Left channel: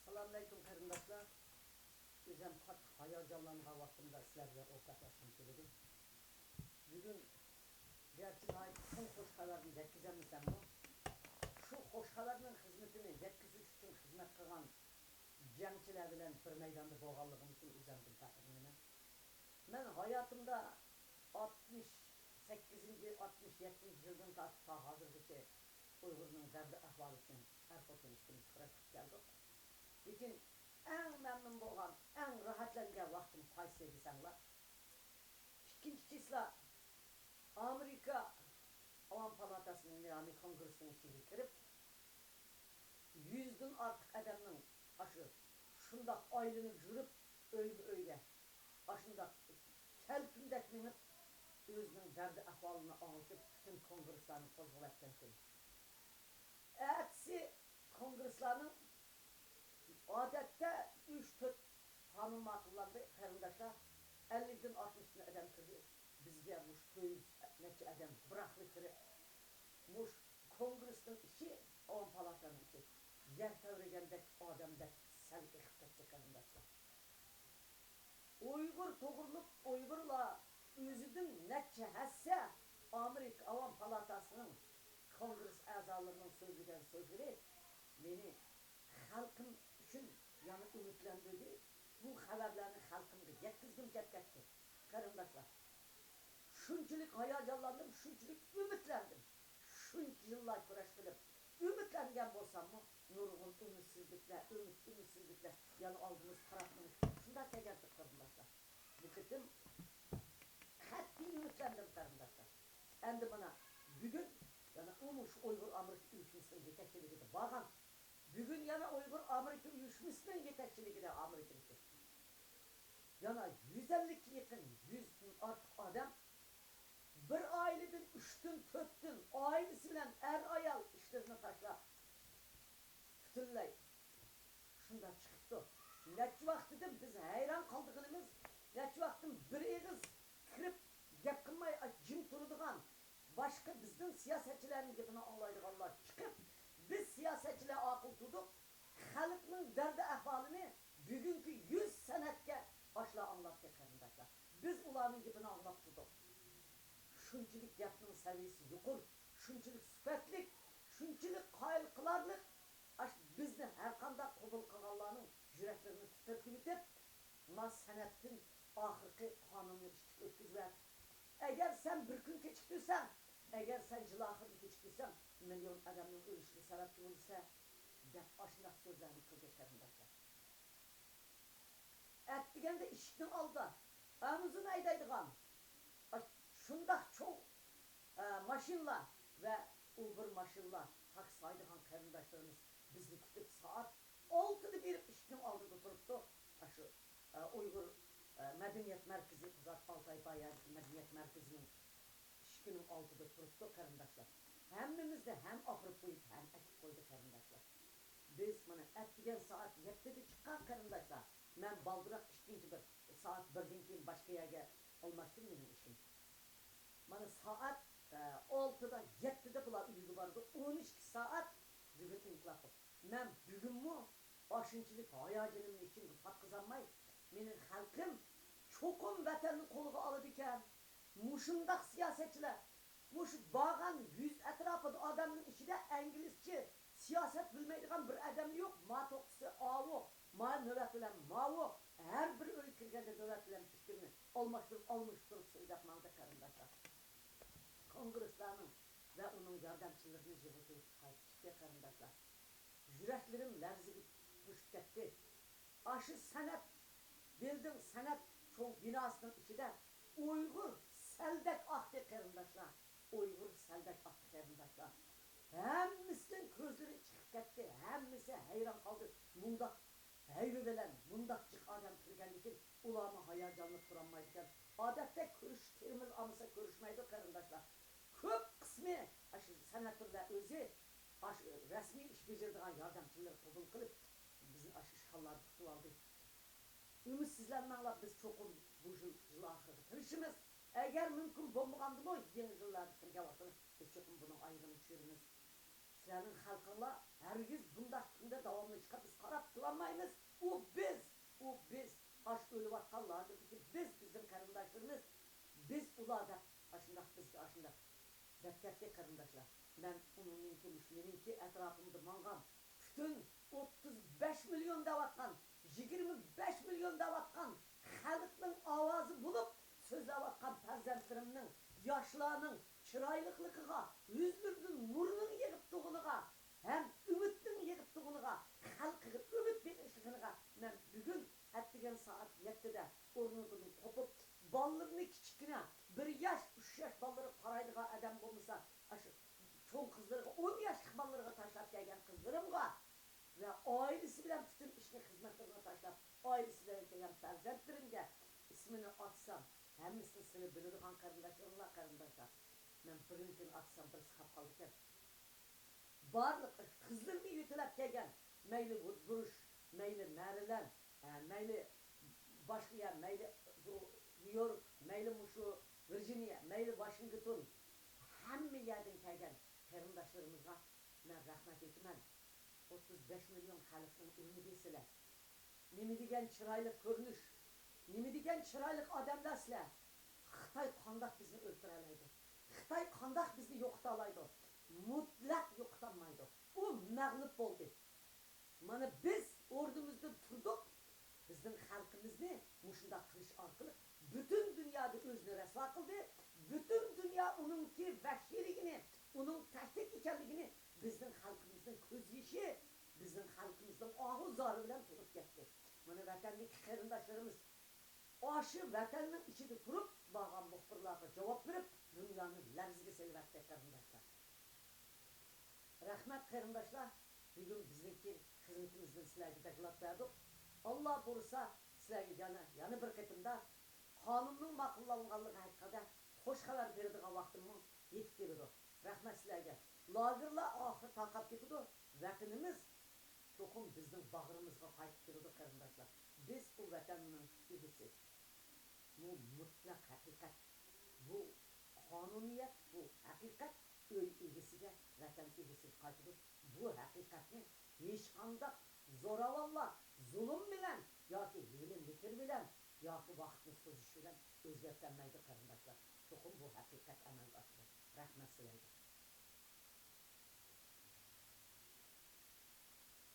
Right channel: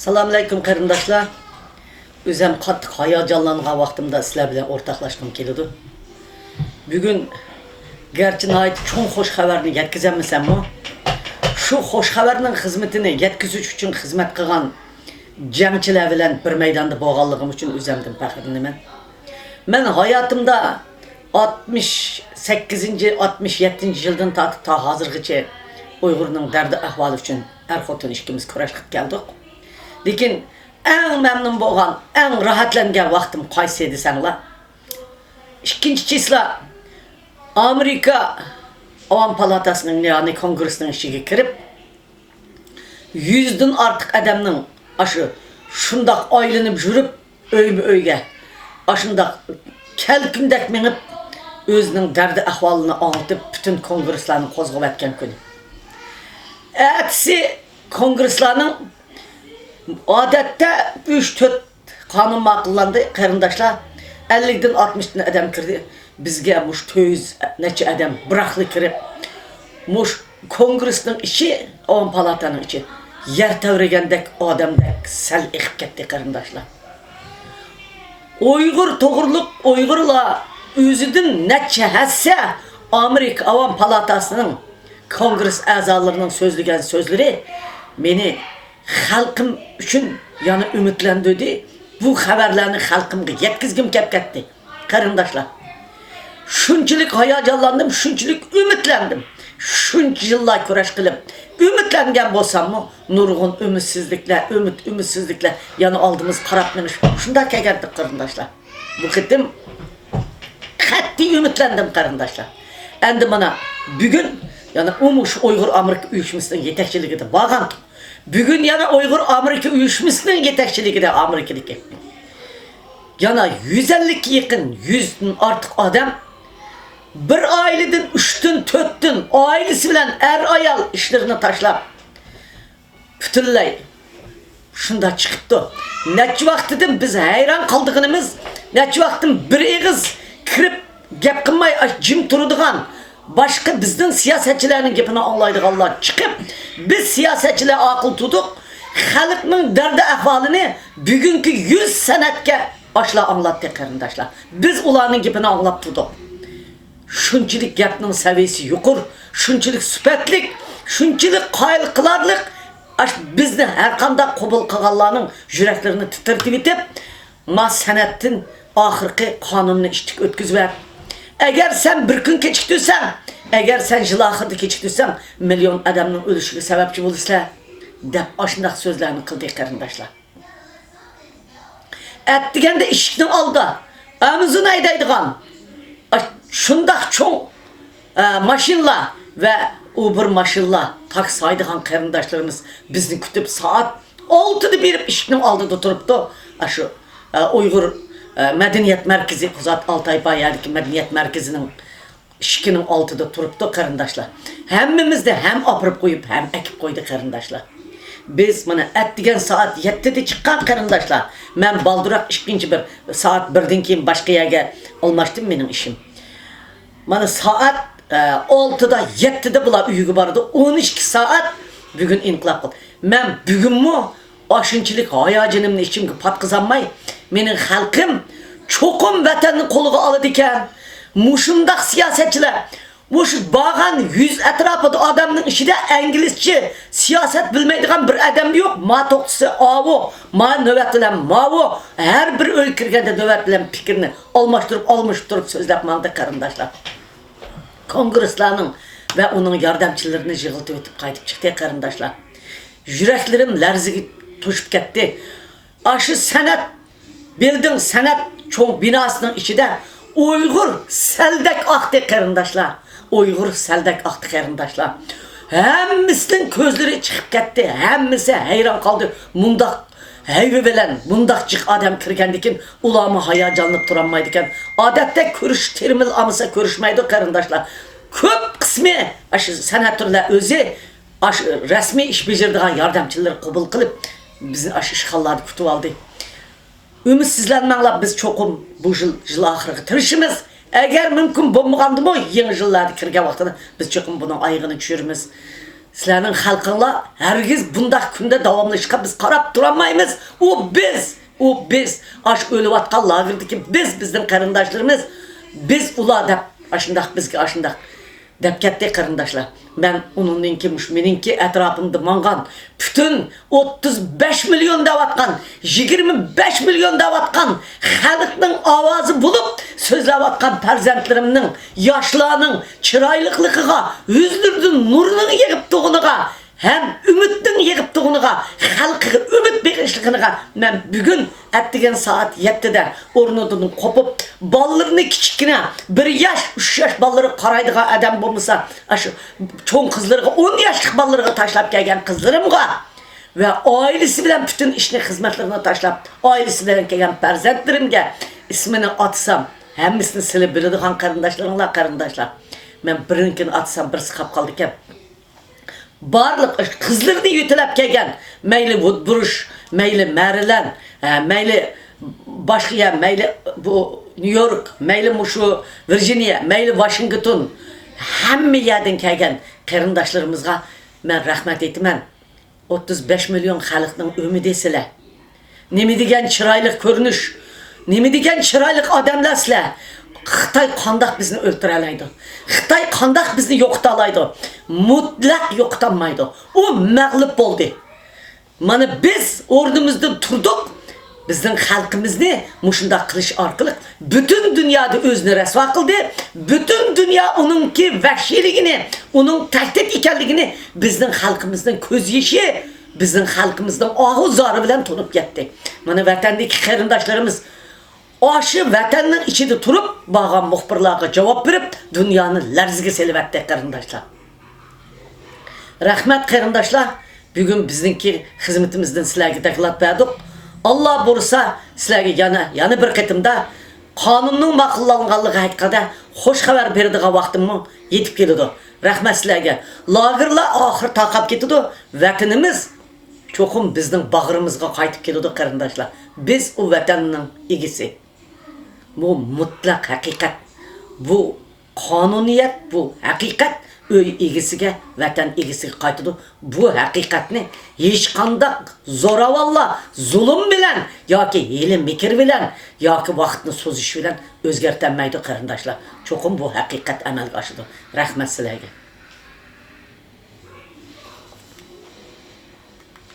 Assalomu alaykum qarindoshlar. O'zim qattiq hayajonlangan vaqtimda sizlar bilan o'rtoqlashgim keladi. Bugun garchi nihoyat cho'ng xush xabarni yetkazammisanmi? Shu xush xabarning xizmatini yetkazish uchun xizmat qilgan jangchilar bilan bir maydonda bo'lganligim uchun o'zimdan faxrlanaman. Men hayotimda 68-67-yildan tortib ta hozirgacha Uyg'urning dardi ahvoli uchun er-xotin ikkimiz kurash qilib keldik. Lekin eng memnun bo'lgan, eng rahatlangan vaqtim qaysi desanglar? 2-chisla Amerika Avam Palatasining yani kongresining ishiga kirib 100 dan ortiq odamning aşı shundoq aylanib yurib o'yga ashundoq kelkimdak menib o'zining dardi ahvolini anlatib bütün kongreslarni qo'zg'ab atgan kun. Ertesi kongreslarning odatda 3-4 qonun ma'qullandi qarindoshlar. 50 dan 60 dan odam kirdi. Bizga mush 200 necha odam biraqli kirib mush kongresning ichi, Avam palataning ichi yer tavragandek odamdek sal iqib ketdi qarindoshlar. Uyg'ur to'g'riliq Uyg'urlar o'zidan necha hassa Amerika Avam palatasining kongres a'zolarining so'zlagan so'zlari meni xalqim uchun yana umidlantirdi. Bu xabarlarni xalqimga yetkazgim kelib ketdi. Qarindoshlar, shunchalik hayajonlandim, shunchalik umidlandim. Shuncha yillar kurash qilib umidlangan bo'lsam-mu, nurg'un umidsizliklar yana oldimiz qarab menish. Shunda kelgandik qarindoshlar. Bu qitim qat'iy umidlandim qarindoshlar. Endi mana bugun yana umush Uyg'ur Amerika uyushmasining yetakchiligida bo'lgan. Bugun yana Uyg'ur Amerika uyushmasining yetakchiligida Amerikadagi yana 150 ga yaqin 100 dan ortiq odam bir oiladan 3 dan 4 dan oilasi bilan ayol ishlarini tashlab butunlay shunda chiqibdi. Necha vaqtidan biz hayron qoldiganimiz, necha vaqtdan bir eg'iz kirib gap qilmay jim turadigan başka bizden siyasetçilerin gapini anlaydiganlar çıkıp biz siyasetçiler akıl tutuq xalqning dardi ahvolini bugünkü 100 sanatga başla anlatdı qarindoshlar. Biz ularning gapini anlab turdik. Shunchalik gapning saviyasi yuqur, shunchalik sifatlik, shunchalik qoyil qilarlik bizni har qanday qabul qilganlarning yuraklarini titirtib etib, ma sanatdan oxirgi qonunni ishtik o'tkazib eğer sen bir gün keçiktirsen, eğer sen yıl ahırda keçiktirsen, milyon adamın ölüşüne sebepçi olursa, dep aşındaki sözlerini kıldı qarindoshlar. Ettigende işikten aldı, amızın aydaydıgan, şundak çoğ maşinla ve Uber maşinla taksi aydıgan qarindoshlarımız bizni kütüp saat 6'da berip işikten aldı turuptu. Şu Uyghur Medeniyet Merkezi Kuzat Altay Bayer'deki Medeniyet Merkezi'nin işikinin altıda turuptu qarindoshlar. Hemmimiz de hem apırıp koyup hem ekip koydu qarindoshlar. Biz mana ettigen saat 7'de çıkan qarindoshlar. Men baldurak ikinci bir saat 1'den keyin başka yerge olmaştım benim işim. Mana saat 6'da 7'de bular uyugu bardı. 12 saat bugün inqilab qildi. Men bugunmi aşınçılık hayacanımın içimge patkızanmay, menin halkım çokum vatanını koluga alıdı iken, muşundaq siyasetçiler, muş bağan 100 etrafıda adamın işide İngilizce siyaset bilmeydiğen bir adam yok. Ma toqtısı avu, ma nöbetlilen mavu, her bir ülkirgende nöbetlilen fikrini almıştırıp sözlep maldı qarindoshlar. Kongreslarının ve onun yardımcılarını jığıltıp ötüp qaytıp çıktı qarindoshlar. Yüreklerim larziga to'shib ketdi. Aşı sanat bildin sanat çoğ binasının içinde Uyg'ur saldek aqdi qarindoshlar. Uyg'ur saldek aqdi qarindoshlar. Hemmisinin ko'zlari chiqib ketdi. Hemmisi hayron qoldi. Mundaq hayvi bilan mundaq jiq adam kirgandikin ularni hayajonlanib turolmaydi ekan. Odatda ko'rish termil amsa ko'rishmaydi qarindoshlar. Ko'p qismi aşı sanatçılar o'zi resmi iş becerdiğin yardımcıları qabul qilib bizni işgallarni kutib oldi. Ümitsizlenmanglar, biz çokum bu yıl ahırı tirishimiz. Eğer mümkün bo'lmagandimi, yangi yillarda kirgan vaqtida biz çokum bunun ayığını tushiramiz. Sizlerning xalqinglar hargiz bundaq kunda davomlashqa biz qarab turolmaymiz. U biz aş o'layotgan lagerdagi bizning qarindoshlarimiz, biz ular deb aşındaq bizga aşındaq deb ketdi qarindoshlar. Men uningki meninki atrofimda mangan bütün 35 milyon davatgan, 25 milyon davatgan xalqning ovozi bo'lib so'zlayotgan farzandlarimning, yoshlarning chiroyliqligiga, yuzlaridan nurning yig'ib tug'uniga, hem ümitning yig'ib tug'uniga, xalqiga umid berishligiga men bugun atdigan soat 7da o'rnidan qopib, bolalarni kichkina 1 yosh, 3 yosh bolalarga qaraydigan odam bo'lmasa, shu cho'ng qizlarga 10 yoshlik bolalarga tashlab kelgan qizlarimga ve ailesi bilen bütün ishni xizmatlarini tashlab, ailesi bilen kelgan farzandlarimga ismini atsam, hammasini silib biladigan qarindoshlar. Men birinkini atsam, birisi qolib qoldi ekan. Barliq qizlarni yutilab kelgan, mayli Woodbrush, mayli Maryland, mayli boshqa, mayli bu New York, mayli mushu Virginia, mayli Washington, hamma yerdan kelgan qarindoshlarimizga men rahmat aytaman. 35 milyon xalqning umidi sizlar. Nima degan chiroyli ko'rinish, nima degan chiroyli odamlar sizlar. Xitoy qandoq bizni o'ltira oladi? Xitoy qandoq bizni yo'qota oladi? Mutlaq yo'qotamaydi. U mag'lub bo'ldi. Mana biz o'rnimizdan turdik. Bizning xalqimizni mushundaq qilish orqali butun dunyoda o'zini rasvo qildi. Butun dunyo uningki vahshiyligini, uning tahdid ekanligini bizning xalqimizning ko'z yeshi, bizning xalqimizning og'iz zori bilan tunib ketdi. Mana vatandagi qarindoshlarimiz aşı vatanning ichida turib, bağan muxbirlarga javob berib, dunyoni larziga selvatdi qarindoshlar. Rahmat qarindoshlar, bugun bizningki xizmatimizdan sizlarga taklif berdik. Allah bo'lsa sizlarga yana bir qatimda qonunning ma'qullanganligi haqida xush xabar beradigan vaqtim yetib keladi. Rahmat sizlarga. Lagerlar oxir taqab ketadi. Vatanimiz cho'qim bizning bag'rimizga qaytib keladi qarindoshlar. Biz u vatanning egisi. Bu mutlaq haqiqat. Bu qonuniyat, bu haqiqat öy egisiga, vatan egisiga qaytadi. Bu haqiqatni hech qanday zo'ravalla, zulm bilan yoki hiyla mikr bilan yoki vaqtni so'zish bilan o'zgartirmaydi qarindoshlar. Cho'qim bu haqiqat amalga oshadi. Rahmat sizlarga.